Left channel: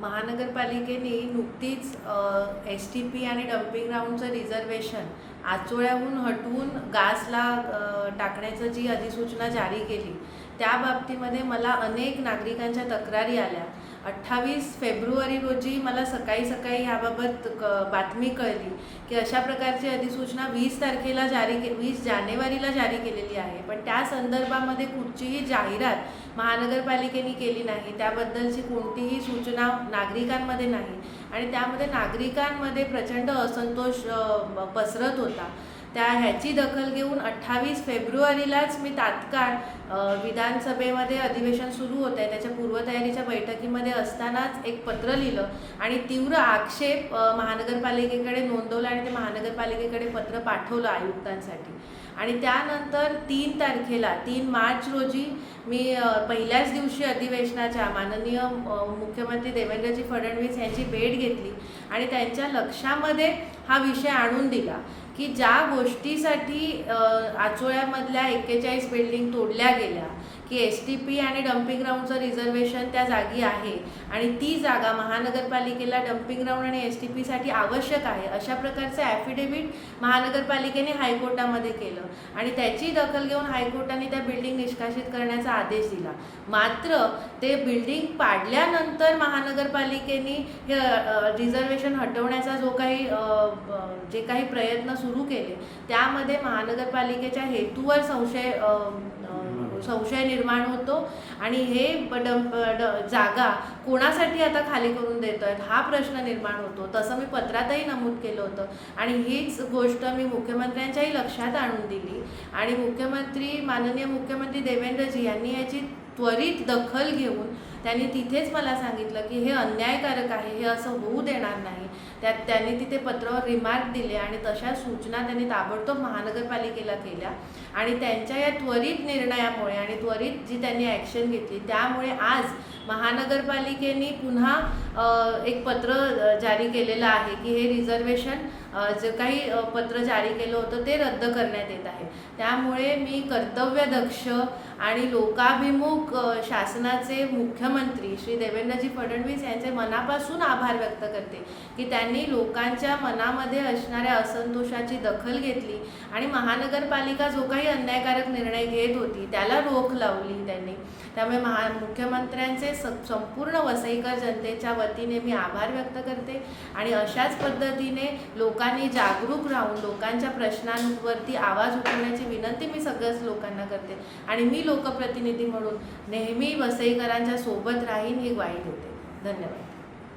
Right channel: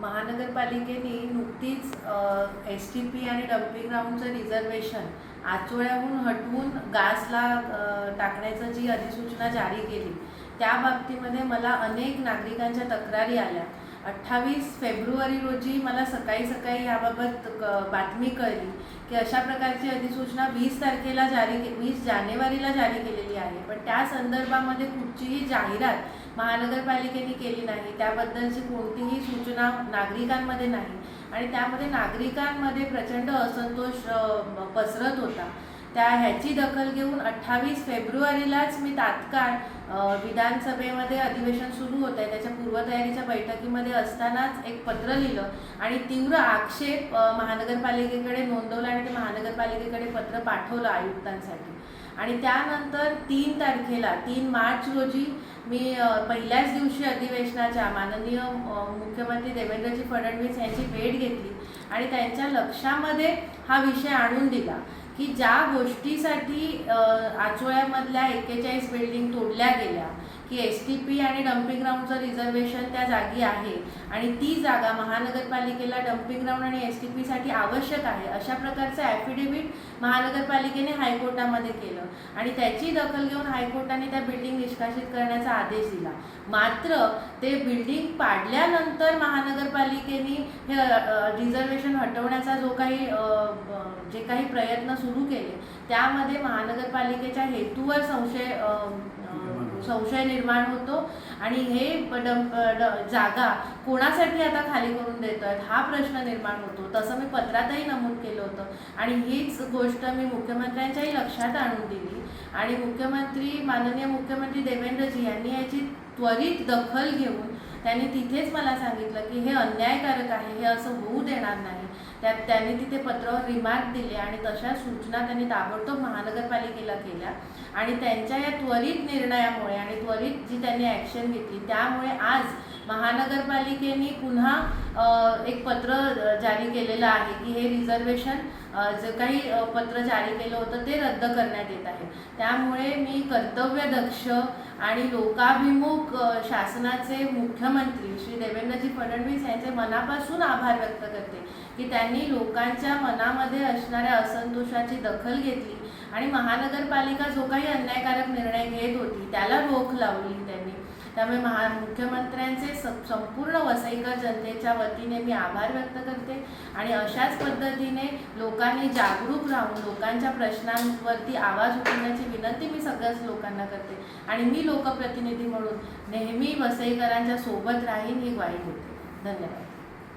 महानगरपालिकेने नुकतीच S T P आणि डम्पिंग ग्राउंडचं रिझर्वेशन आचोळ्याहून हटवून गासला टाकण्याचं जी अधिसूचना जारी केली त्या बाबतीमध्ये मला अनेक नागरिकांच्या तक्रारी आल्या. अठ्ठावीस फेब्रुवारी रोजी मला सकाळी सकाळी याबाबत क- बातमी कळली की अशा प्रकारची अधिसूचना वीस तारखेला जारी के वीस जानेवारीला जारी केलेली आहे. पण त्या संदर्भामध्ये कुठचीही जाहिरात महानगरपालिकेने केली नाही. त्याबद्दलची कोणतीही सूचना नागरिकांमध्ये नाही. आणि त्यामध्ये नागरिकांमध्ये प्रचंड असंतोष पसरत होता. त्या ह्याची दखल घेऊन अठ्ठावीस फेब्रुवारीलाच मी तात्काळ विधानसभेमध्ये अधिवेशन सुरू होत आहे. त्याच्या पूर्वतयारीच्या बैठकीमध्ये असतानाच एक पत्र लिहिलं आणि तीव्र आक्षेप महानगरपालिकेकडे नोंदवला आणि ते महानगरपालिकेकडे पत्र पाठवलं आयुक्तांसाठी. आणि त्यानंतर तीन तारखेला तीन मार्च रोजी मी पहिल्याच दिवशी अधिवेशनाच्या माननीय मुख्यमंत्री देवेंद्रजी फडणवीस यांची भेट घेतली आणि त्यांच्या लक्षामध्ये हा विषय आणून दिला की ज्या गोष्टीसाठी आचोळ्यामधल्या एक्केचाळीस बिल्डिंग तोडल्या गेल्या की एस टी पी आणि डम्पिंग ग्राउंडचं रिझर्वेशन त्या जागी आहे. आणि ती जागा महानगरपालिकेला डम्पिंग ग्राउंड आणि एस टी पीसाठी आवश्यक आहे. अशा प्रकारचं ॲफिडेव्हिट महानगरपालिकेने हायकोर्टामध्ये केलं. आणि त्याची दखल घेऊन हायकोर्टाने त्या बिल्डिंग निष्कासित करण्याचा आदेश दिला. मात्र ते बिल्डिंग पाडल्यानंतर महानगरपालिकेने हे रिझर्वेशन हटवण्याचा जो काही जे काही प्रयत्न सुरू केले त्यामध्ये महानगरपालिकेच्या हेतूवर संशय संशय निर्माण होतो. आणि हे डंप जागा कोणासाठी आता खाली करून देत आहेत हा प्रश्न निर्माण होतो. तसं मी पत्रातही नमूद केलं होतं. आणि हीच गोष्ट मी मुख्यमंत्र्यांच्याही लक्षात आणून दिली. आणि मुख्यमंत्री माननीय मुख्यमंत्री देवेंद्रजी यांनी याची त्वरित दखल घेऊन त्यांनी तिथेच मला सांगितलं की हे अन्यायकारक आहे हे असं होऊ देणार नाही. त्यात त्यांनी तिथे पत्रावर रिमार्क दिले आणि तशा सूचना त्यांनी ताबडतोब महानगरपालिकेला केल्या. आणि त्यांच्या या त्वरित निर्णयामुळे आणि त्वरित जी त्यांनी ॲक्शन घेतली त्यामुळे आज महानगरपालिकेने पुन्हा एक पत्र जारी केलेलं आहे की हे रिझर्वेशन जे काही पत्र जारी केलं होतं ते रद्द करण्यात येत आहे. त्यामुळे मी कर्तव्यदक्ष आणि लोकाभिमुख शासनाचे मुख्यमंत्री श्री देवेंद्रजी फडणवीस यांचे मनापासून आभार व्यक्त करते की त्यांनी लोकांच्या मनामध्ये असणाऱ्या असंतोषाची दखल घेतली आणि महानगरपालिका जो काही अन्यायकारक निर्णय घेत होती त्याला रोख लावली त्यांनी. त्यामुळे महा मुख्यमंत्र्यांचे स संपूर्ण वसईकर जनतेच्या वतीने मी आभार व्यक्त करते. आणि अशाच पद्धतीने लोकांनी जागरूक राहून लोकांच्या प्रश्नांवरती आवाज उठवण्याची विनंती मी सगळ्याच लोकांना करते. आणि मी लोकप्रतिनिधी म्हणून नेहमी वसईकरांच्या सोबत राहीन ही ग्वाही होते. धन्यवाद.